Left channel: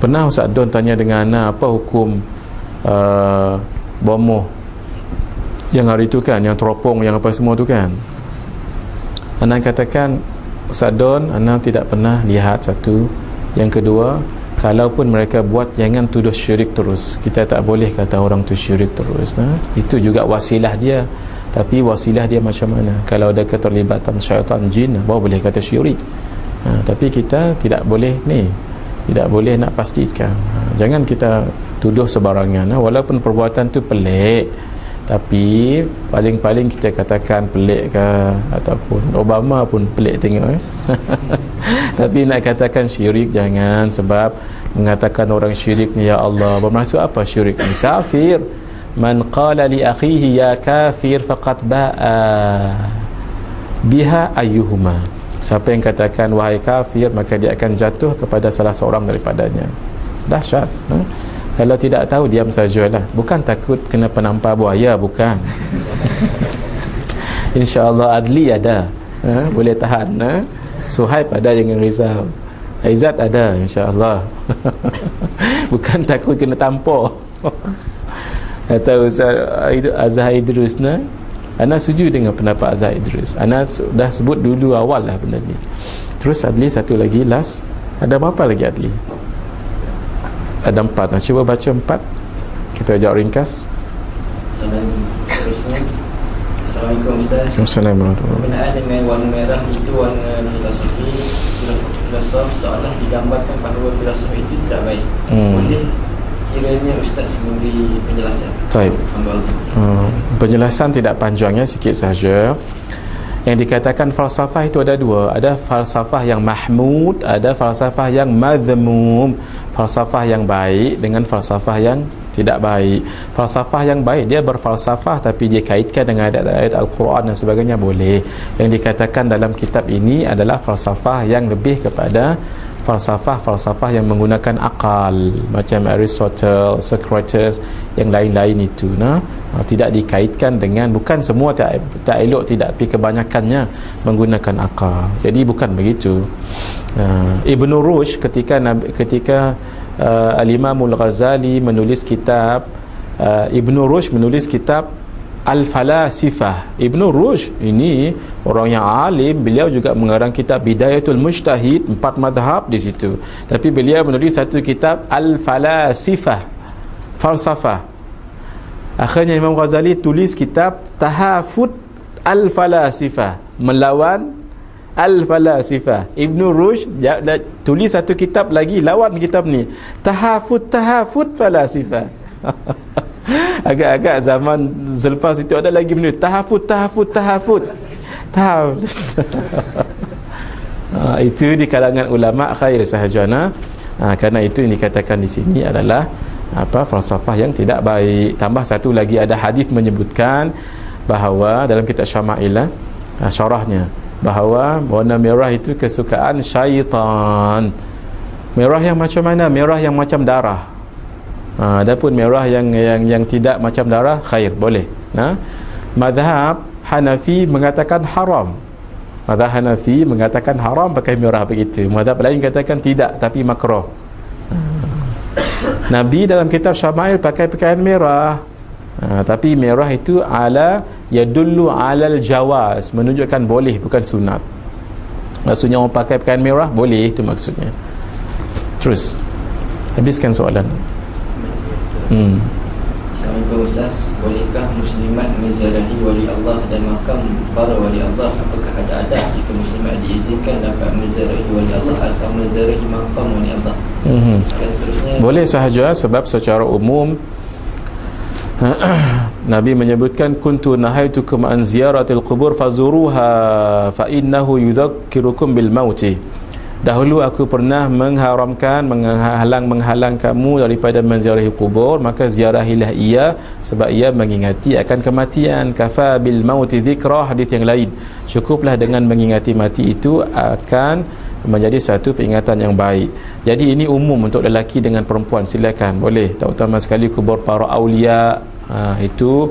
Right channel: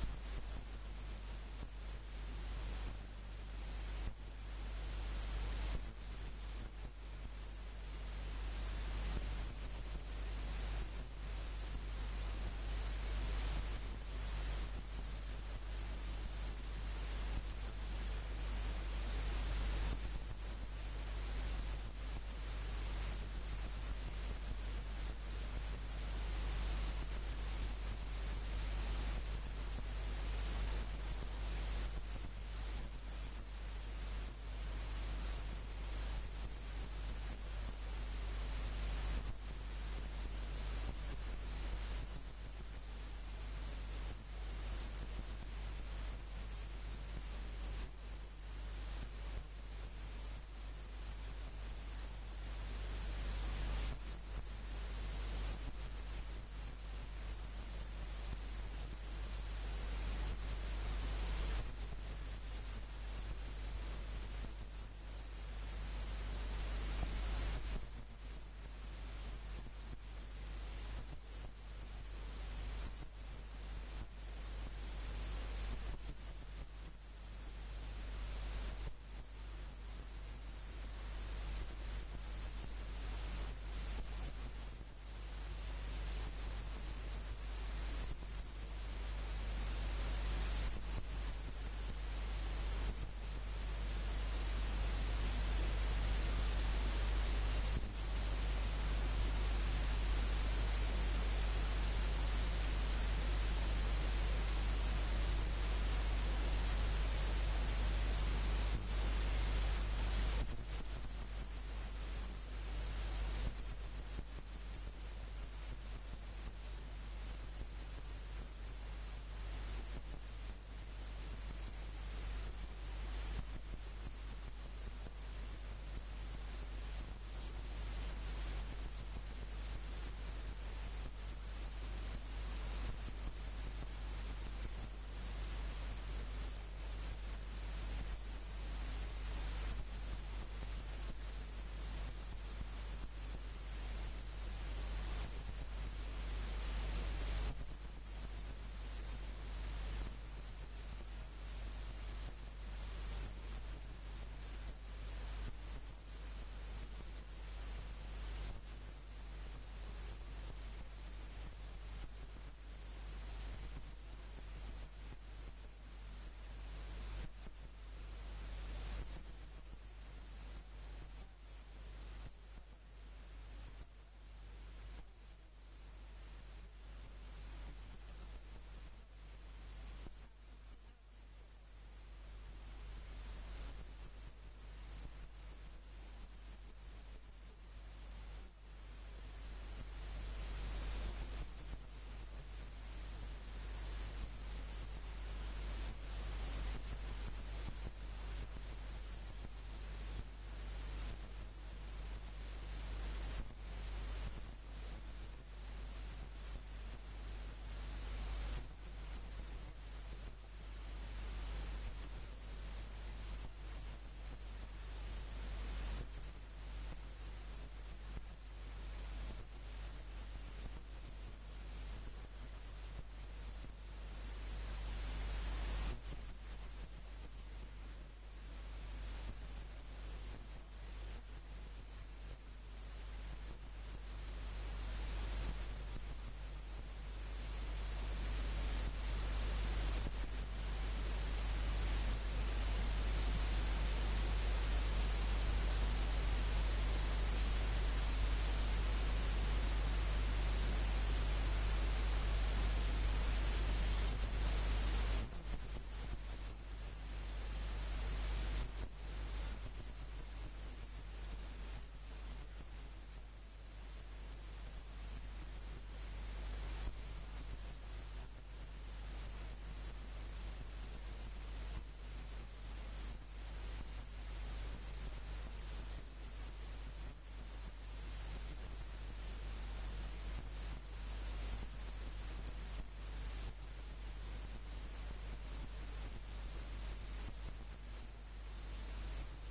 Pernah Ustaz Don tanya dengan Ana apa hukum bomoh yang hari tu kan, yang teropong, yang apa semua tu kan. Ana katakan, Ustaz Don, Ana tidak pernah lihat, satu. Yang kedua, kalaupun mereka buat, jangan tuduh syirik terus. Kita tak boleh kata orang tu syirik terus. Itu juga wasilah dia. Tapi wasilah dia macam mana? Kalau ada keterlibatan syaitan, jin, baru boleh kata syirik. Tapi kita tidak boleh tidak boleh nak pastikan. Jangan kita tuduh sebarangan. Walaupun perbuatan tu pelik, tapi paling-paling kita katakan pelik ke, ataupun Obama pun pelik tengok tapi nak katakan syirik jangan. Sebab mengatakan orang syirik ni, ya Allah, bermaksud apa syirik ni? Kafir. Man qala li akhihi ya kafir faqad ba'a biha ayyuhuma. Siapa yang katakan wahai kafir, maka dia akan jatuh kepada salah seorang daripadanya. Dahsyat. Kalau tidak tahu, diam sajalah. Bukan takut kena penampar buaya, bukan. InsyaAllah Adli ada, boleh tahan. Suhaib ada, jangan risau. Aizat ada, insyaAllah. Bukan takut kena tampar. Kata Ustaz Azhar Idrus, Ana setuju dengan pendapat Azhar Idrus. Ana dah sebut dulu awal lah benda ni. Terus Adli satu lagi, last. Ada berapa lagi Adli? Ada 4. Cuba baca 4. Kita jawab ringkas. Assalamualaikum Ustaz. Assalamualaikum. Berkenaan dengan warna merah itu warna filosofi, filosof seolah digambarkan bahawa filosofi itu tidak baik. Boleh kiranya Ustaz memberi penjelasan? Baik. Penjelasan tidak panjangnya, sikit sahaja. Yang dikatakan falsafah itu ada dua. Ada falsafah yang mahmud, ada falsafah yang madhmum. Falsafah yang baik dengan falsafah yang tidak baik. Falsafah yang baik, dia berfalsafah tapi dia kaitkan dengan ayat-ayat Al-Quran dan sebagainya, boleh. Yang dikatakan dalam kitab ini adalah falsafah yang lebih kepada falsafah yang menggunakan akal, macam Aristotle, Socrates, yang lain-lain itu. Tidak dikaitkan dengan, bukan semua tak elok, tidak, tapi kebanyakannya menggunakan akal. Jadi bukan begitu. Ibn Rushd ketika Al-Imamul Ghazali menulis kitab, Ibn Rushd menulis kitab Al-Falasifah. Ibn Rushd ini orang yang alim, beliau juga mengarang kitab Bidayatul Mujtahid, 4 madhab di situ. Tapi beliau menulis satu kitab Al-Falasifah, falsafah. Akhirnya Imam Ghazali tulis kitab Tahafut Al-Falasifah, melawan Al-Falasifah. Ibn Rushd tulis satu kitab lagi lawan kitab ni, Tahafut Falasifah. Agak-agak zaman selepas itu ada lagi benda tahafut. Itu di kalangan ulama khair sahajana. Kerana itu yang dikatakan di sini adalah falsafah yang tidak baik. Tambah satu lagi, ada hadis menyebutkan bahawa dalam kitab Syama'il, syarahnya, bahawa warna merah itu kesukaan syaitan. Merah yang macam mana? Merah yang macam darah. Adapun merah yang tidak macam darah, khair, boleh. Mazhab Hanafi mengatakan haram. Mazhab Hanafi mengatakan haram pakai merah begitu. Mazhab lain katakan tidak, tapi makruh. Nabi dalam kitab Syama'il pakai pakaian merah. Tapi merah itu yadullu alal jawaz, menunjukkan boleh, bukan sunat. Maksudnya orang pakai pakaian merah boleh, itu maksudnya. Terus habiskan soalan. Assalamualaikum Ustaz. Bolehkah muslimat menziarahi wali Allah dan makam para wali Allah? Apakah ada jika muslimat diizinkan dapat menziarahi wali Allah atau menziarahi makam wali Allah? Dan seterusnya, boleh sahaja, sebab secara umum Nabi menyebutkan, kuntu nahaitukum an ziyaratil qubur fazuruha fa innahu yudhakkirukum bil mauti. Dahulu aku pernah mengharamkan, menghalang kamu daripada menziarahi kubur, maka ziarahilah ia, sebab ia mengingati akan kematian. Kafa bil mauti dzikra, hadis yang lain. Cukuplah dengan mengingati mati, itu akan menjadi satu peringatan yang baik. Jadi ini umum untuk lelaki dengan perempuan, silakan, boleh. Terutama sekali kubur para aulia, itu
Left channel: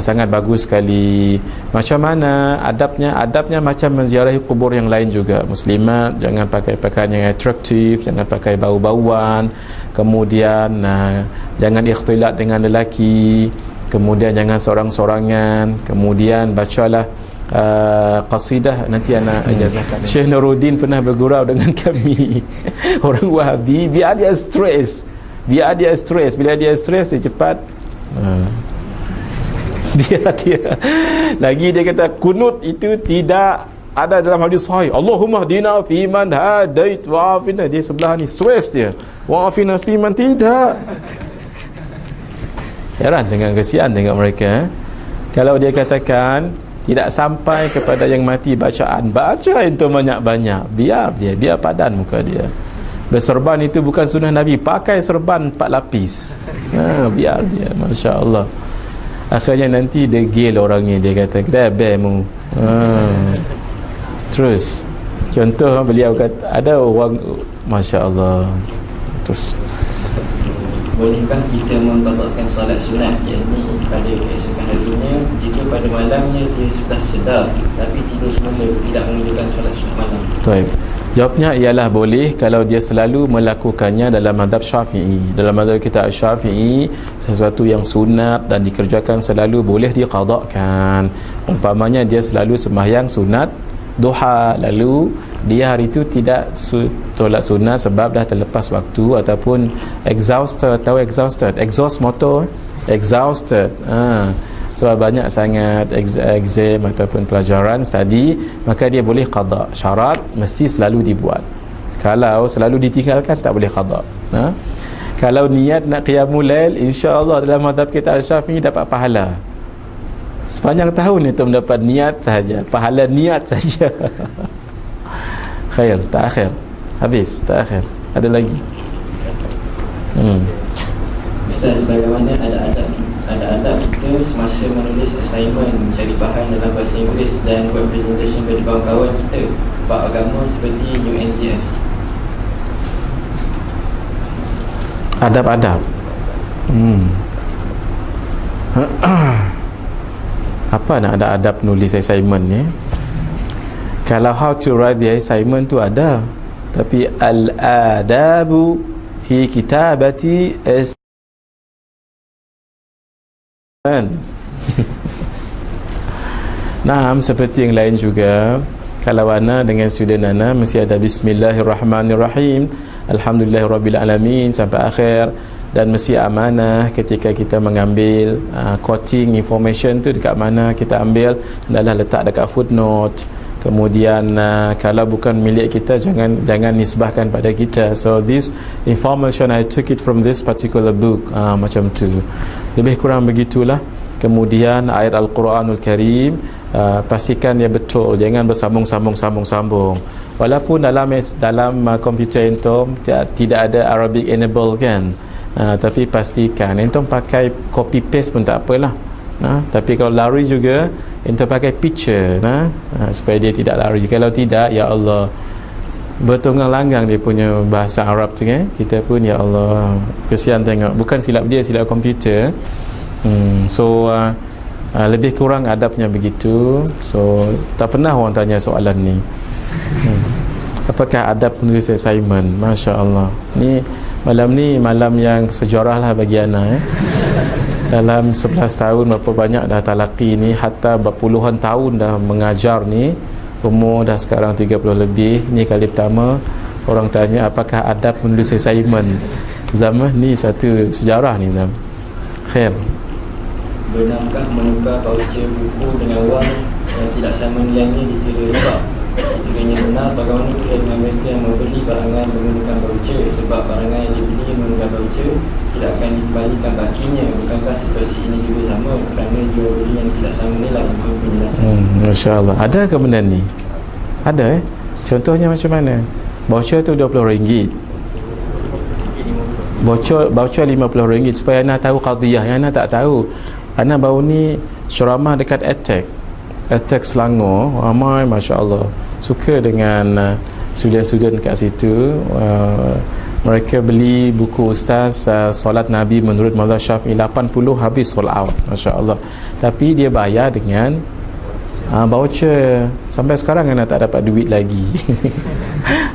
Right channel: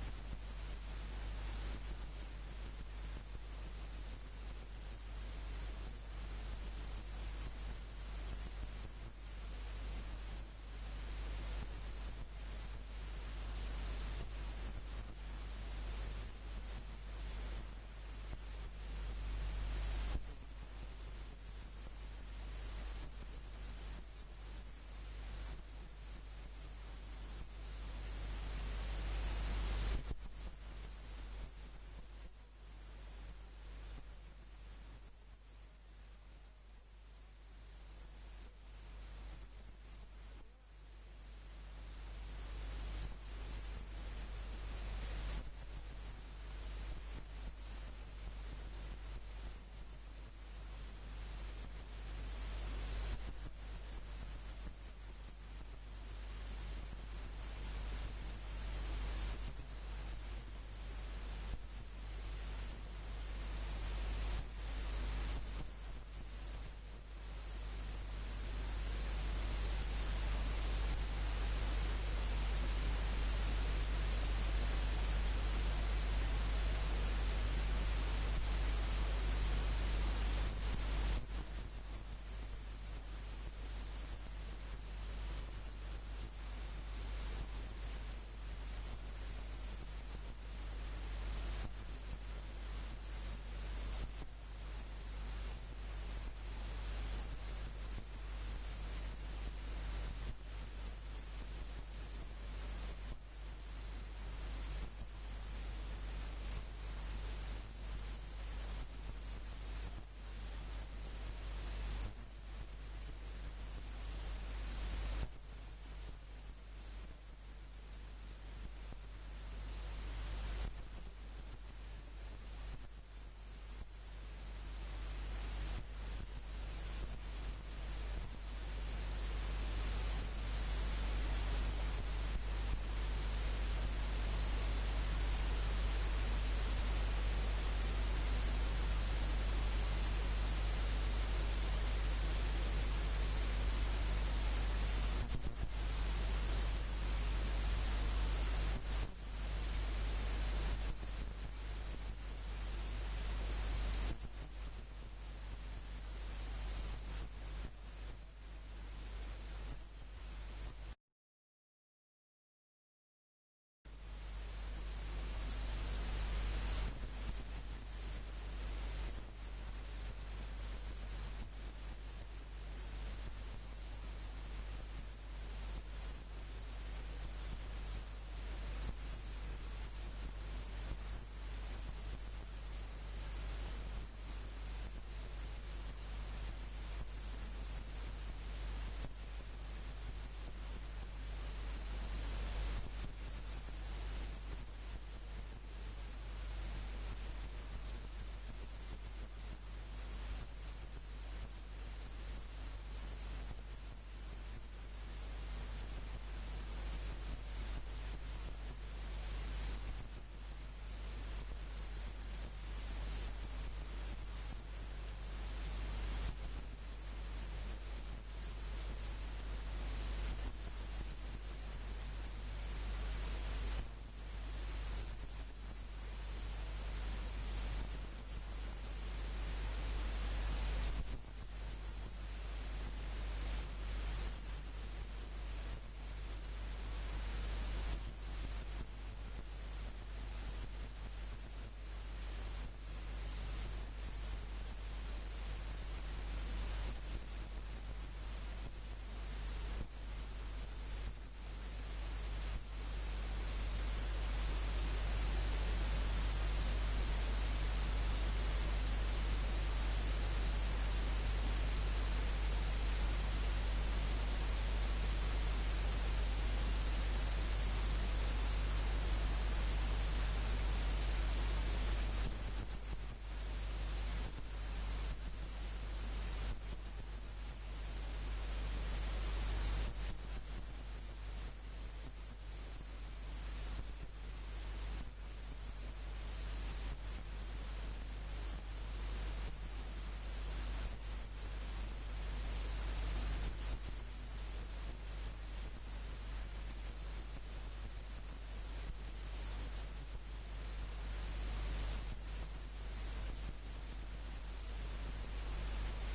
sangat bagus sekali. Macam mana adabnya? Adabnya macam menziarahi kubur yang lain juga. Muslimat jangan pakai pakaian yang atraktif, jangan pakai bau-bauan, kemudian jangan ikhtilat dengan lelaki, kemudian jangan sorang-sorangan, kemudian bacalah qasidah. Nanti anak ijazahkan. Syekh Nuruddin pernah bergurau dengan kami orang Wahabi, biar dia stres, bila dia stres dia cepat biar dia lagi. Dia kata kunut itu tidak ada dalam hadis sahih. Allahumma hdina fi man hadait wa afina. Dia sebelah ni stres dia, wa afina fi man tidak. Heran dengan kesian dengan mereka. Kalau dia katakan tidak sampai kepada yang mati bacaan, baca itu banyak-banyak, biar padan muka dia. Berserban itu bukan sunnah Nabi, pakai serban 4 lapis. Biar dia, Masya Allah. Akhirnya nanti degil orangnya, dia kata kedabemu. Terus contoh beliau kata ada orang, Masya Allah. Terus bolehkah kita membatalkan solat sunat, yakni pada keesokan harinya jika pada malamnya dia sudah sedar tapi tidur semula, tidak mengerjakan solat sunat malam? Baik. Jawabnya ialah boleh kalau dia selalu melakukannya dalam mazhab Syafi'i. Dalam mazhab kita Syafi'i, sesuatu yang sunat dan dikerjakan selalu boleh diqadakkan. Umpamanya dia selalu sembahyang sunat duha, lalu dia hari itu tidak solat sunat sebab dah terlepas waktu ataupun exhausted. Tahu exhaust motor, exhausted, sebab banyak sangat exam ataupun pelajaran study, maka dia boleh qada. Syarat mesti selalu dibuat. Kalau selalu ditinggalkan tak boleh qada. Kalau niat nak qiyamul lail, insya-Allah dalam mazhab kita Syafi'i dapat pahala sepanjang tahun itu, mendapat niat sahaja, pahala niat saja. Khair, tak habis, tak akhir. Ada lagi? Ustaz, bagaimana ada adab kita semasa menulis assignment, mencari bahan dalam bahasa Inggeris dan buat presentation kepada kawan-kawan kita bab agama seperti UNGS? Adab-adab. Apa nak ada adab nulis assignment ni? Kalau how to write the assignment tu ada, tapi al-adabu fi kitabati assignment. Nah, seperti yang lain juga. Kalau ana dengan student ana mesti ada bismillahirrahmanirrahim, alhamdulillahirabbil alamin sampai akhir. Dan mesti amanah ketika kita mengambil quoting information tu dekat mana kita ambil, adalah letak dekat footnote. Kemudian kalau bukan milik kita, jangan nisbahkan pada kita. So this information I took it from this particular book, macam tu. Lebih kurang begitulah. Kemudian ayat Al-Quranul Karim, pastikan dia betul, jangan bersambung-sambung. Walaupun dalam komputer entom tidak ada Arabic enable kan. Tapi pastikan entum pakai copy paste pun tak apalah. Tapi kalau lari juga entum pakai picture supaya dia tidak lari. Kalau tidak, ya Allah, bertunggang langgang dia punya bahasa Arab tu kan. Kita pun ya Allah, kesian tengok, bukan silap dia, silap komputer. So lebih kurang adabnya begitu. So tak pernah orang tanya soalan ni. Apakah adab penulis assignment? Masya Allah. Malam ni malam yang sejarah lah bagi anak. Dalam 11 tahun berapa banyak dah talaqi ni, hatta berpuluhan tahun dah mengajar ni, umur dah sekarang 30 lebih. Ni kali pertama orang tanya apakah adab menulis assignment. Zaman ni satu sejarah ni Zam. Khair. Benarkah menukar voucher buku dengan wang yang tidak sama nilainya dikira riba? Sekiranya benar, bagaimana kita dengan mereka yang membeli barangan menggunakan voucher, sebab barangan yang dibeli menggunakan voucher tidak akan dikembalikan bakinya? Bukankah situasi ini juga sama kerana jual beli yang tidak sama nilai? Mohon penjelasan. Masya Allah. Ada ke benda ni? Ada Contohnya macam mana? Voucher tu RM20. Voucher RM50 supaya anda tahu qadiyah yang anda tak tahu. Anda baru ni ceramah dekat Attack Selangor, ramai Masya Allah suka dengan student-student kat situ. Mereka beli buku Ustaz Solat Nabi menurut mazhab Syafi'i 80 habis sold out, Masya Allah. tapi dia bayar dengan voucher. Sampai sekarang anak tak dapat duit lagi.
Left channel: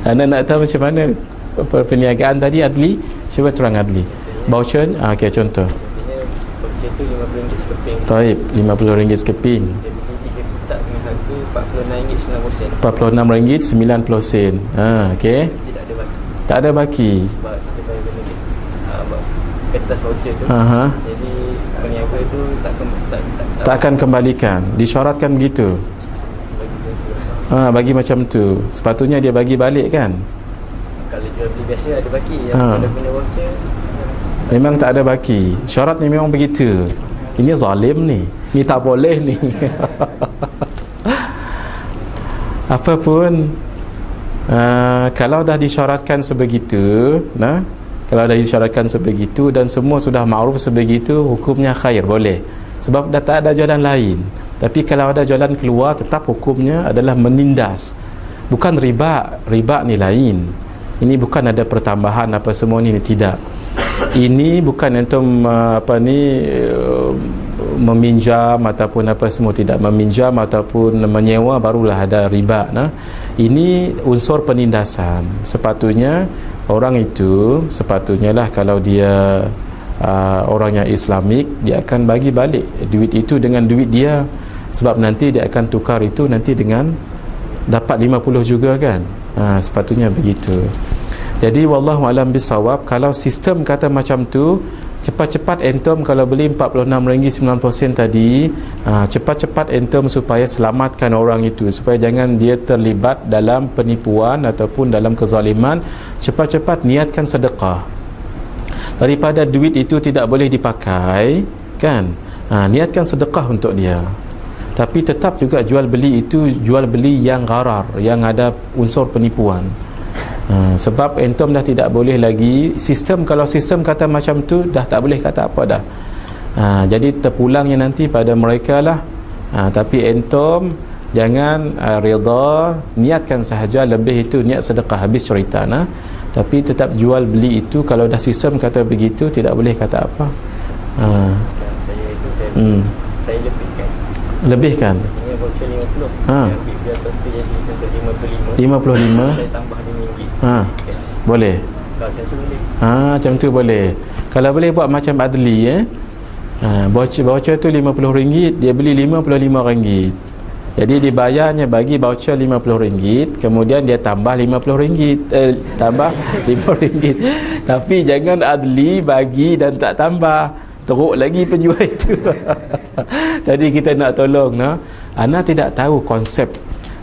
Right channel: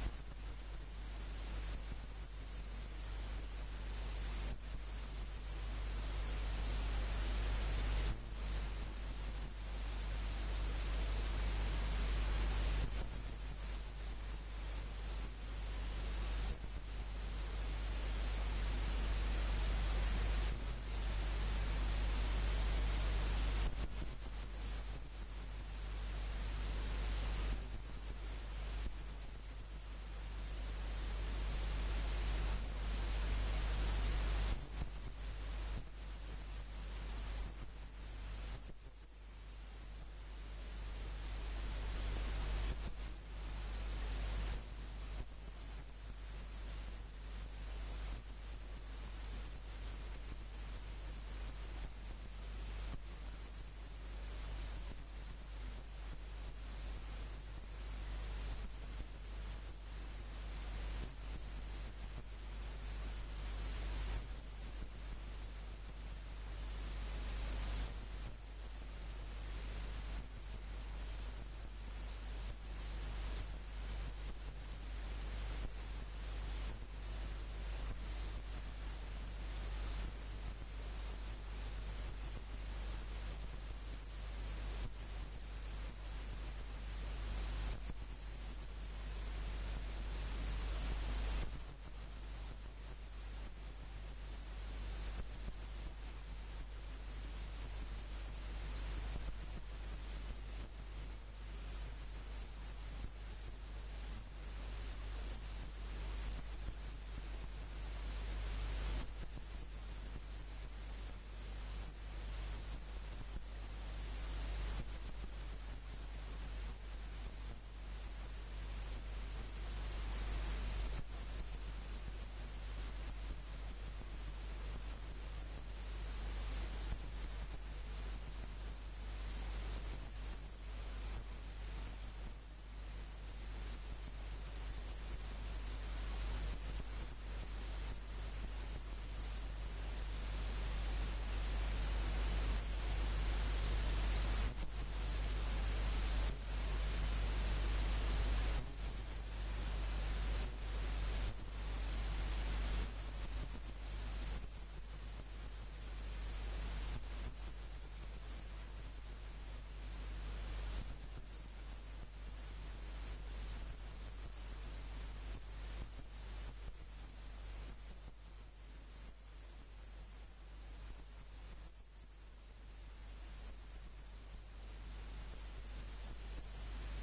Anak nak tahu macam mana perniagaan tadi Adli? Cuba terang Adli. Voucher, okey, contoh. Voucher tu RM50 sekeping. Taib, RM50 sekeping. Dia beli 3 kotak dengan harga RM46.90. RM46.90. Okey. Tidak ada baki. Tak ada baki. Sebab kita bayar benda kertas voucher tu. Jadi peniaga tu tak akan kembalikan. Disyaratkan begitu. Bagi macam tu. Sepatutnya dia bagi balik kan. Kalau jual beli biasa ada baki. Kalau punya voucher memang tak ada baki. Syaratnya memang begitu. Ini zalim ni. Ni tak boleh ni. Apapun kalau dah disyaratkan sebegitu, kalau dah disyaratkan sebegitu dan semua sudah makruf sebegitu, hukumnya khair, boleh. Sebab dah tak ada jalan lain. Tapi kalau ada jalan keluar, tetap hukumnya adalah menindas. Bukan riba. Riba ni lain. Ini bukan ada pertambahan apa semua ni, tidak. Ini bukan antum meminjam ataupun apa semua, tidak. Meminjam ataupun menyewa barulah ada riba. Ini unsur penindasan. Sepatutnya orang itu, sepatutnya lah kalau dia orang yang Islamik, dia akan bagi balik duit itu dengan duit dia. Sebab nanti dia akan tukar itu nanti dengan dapat 50 juga kan. Sepatutnya begitu. Jadi wallahu alam bisawab, kalau sistem kata macam tu, cepat-cepat entom kalau beli RM46.90 tadi, cepat-cepat entom supaya selamatkan orang itu, supaya jangan dia terlibat dalam penipuan ataupun dalam kezaliman. Cepat-cepat niatkan sedekah. Daripada duit itu tidak boleh dipakai kan, niatkan sedekah untuk dia. Tapi tetap juga jual beli itu jual beli yang gharar, yang ada unsur penipuan. Sebab entom dah tidak boleh lagi sistem. Kalau sistem kata macam tu, dah tak boleh kata apa dah. Jadi terpulangnya nanti pada mereka lah. Tapi entom jangan reda, niatkan sahaja, lebih itu niat sedekah, habis cerita. Tapi tetap jual beli itu, kalau dah sistem kata begitu, tidak boleh kata apa. Saya lebihkan. Artinya voucher 50. Biar contoh jadi contoh 55. Saya tambah RM5. Boleh. Kalau macam tu boleh. Macam tu boleh. Kalau boleh buat macam Adli voucher tu RM50, dia beli RM55. Jadi dibayarnya bagi voucher RM50, kemudian dia tambah RM50, tambah RM5. Tapi jangan Adli bagi dan tak tambah, teruk lagi penjual itu. Jadi kita nak tolong. Ana tidak tahu konsep.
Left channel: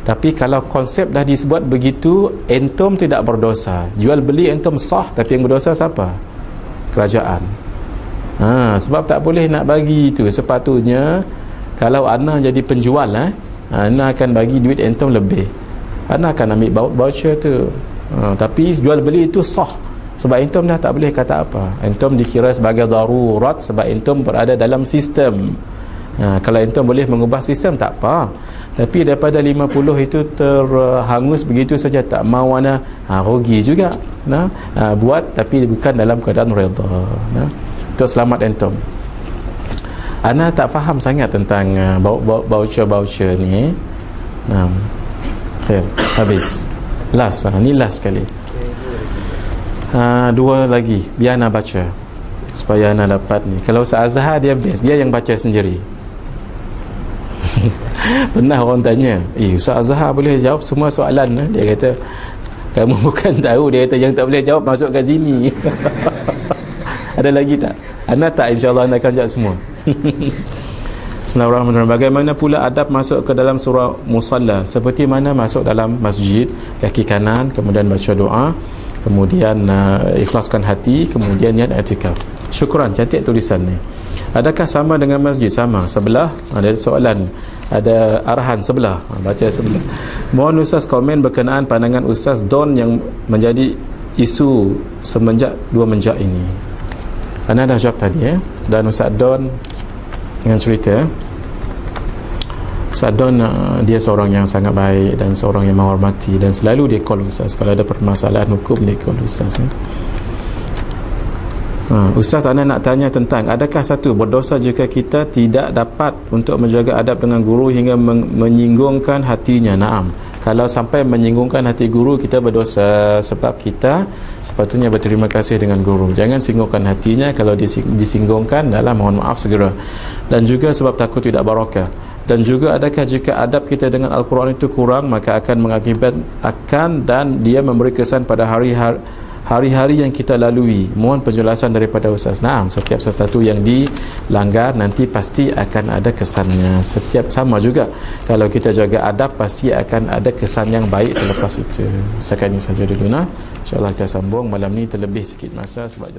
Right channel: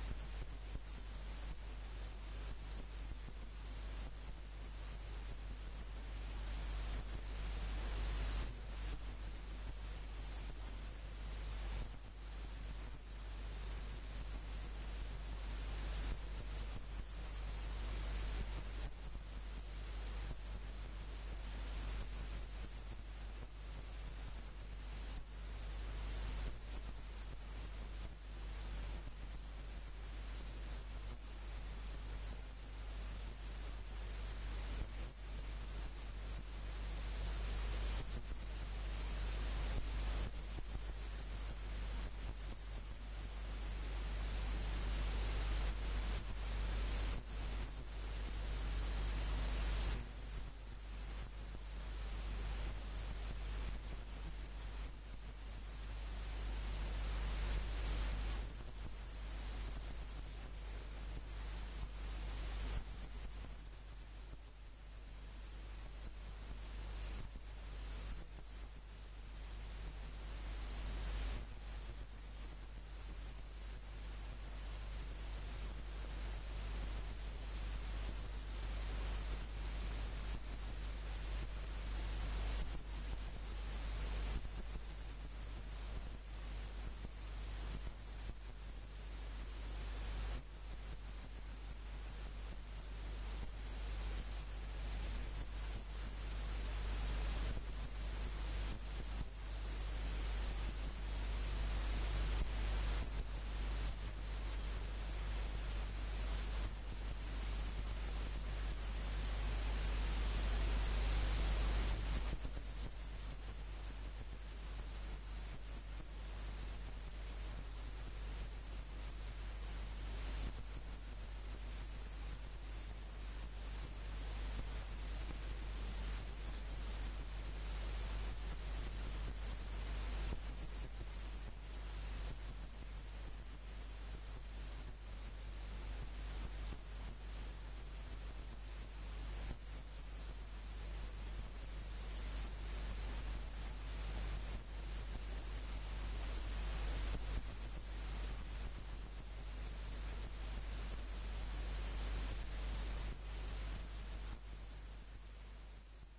Tapi kalau konsep dah disebut begitu, entom tidak berdosa. Jual beli entom sah, tapi yang berdosa siapa? Kerajaan. Sebab tak boleh nak bagi itu. Sepatutnya kalau ana jadi penjual, ana akan bagi duit entom lebih. Ana akan ambil voucher tu. Tapi jual beli itu sah. Sebab entom dah tak boleh kata apa. Entom dikira sebagai darurat sebab entom berada dalam sistem. Kalau entom boleh mengubah sistem, tak apa. Tapi daripada 50 itu terhangus begitu saja, tak mau ana, rugi juga. Buat tapi bukan dalam keadaan redha. Untuk selamat entom. Ana tak faham sangat tentang voucher ni. Habis. Last, ni last sekali. Dua lagi, biar ana baca supaya ana dapat ni. Kalau Ustaz Azhar dia best, dia yang baca sendiri. Pernah orang tanya, Ustaz Azhar boleh jawab semua soalan? Dia kata, kamu bukan tahu. Dia kata, yang tak boleh jawab masuk kat sini. Ada lagi tak? Ana tak, insyaAllah anda akan jawab semua. Bismillahirrahmanirrahim. Bagaimana pula adab masuk ke dalam surah Musalla? Seperti mana masuk dalam masjid, kaki kanan, kemudian baca doa, kemudian ikhlaskan hati, kemudian niat i'tikaf. Syukran, cantik tulisan ni. Adakah sama dengan masjid? Sama. Sebelah ada soalan, ada arahan sebelah, baca sebelah. Mohon Ustaz komen berkenaan pandangan Ustaz Don yang menjadi isu semenjak 2 menjak ini. Ana dah jawab tadi dan Ustaz Don dengan cerita Ustaz Don, dia seorang yang sangat baik dan seorang yang menghormati, dan selalu dia call Ustaz kalau ada permasalahan hukum, dia call Ustaz. Ustaz, Ana nak tanya tentang adakah satu berdosa jika kita tidak dapat untuk menjaga adab dengan guru hingga menyinggungkan hatinya? Naam. Kalau sampai menyinggungkan hati guru, kita berdosa, sebab kita sepatutnya berterima kasih dengan guru. Jangan singgungkan hatinya. Kalau disinggungkan, dalam mohon maaf segera. Dan juga sebab takut tidak barakah. Dan juga adakah jika adab kita dengan Al-Quran itu kurang, maka akan mengakibatkan dan dia memberi kesan pada hari-hari yang kita lalui. Mohon penjelasan daripada Ustaz. Naam, setiap sesuatu yang dilanggar nanti pasti akan ada kesannya. Setiap sama juga, kalau kita jaga adab pasti akan ada kesan yang baik selepas itu. Setakat ini saja dulu. InsyaAllah kita sambung malam ni, terlebih sikit masa sebab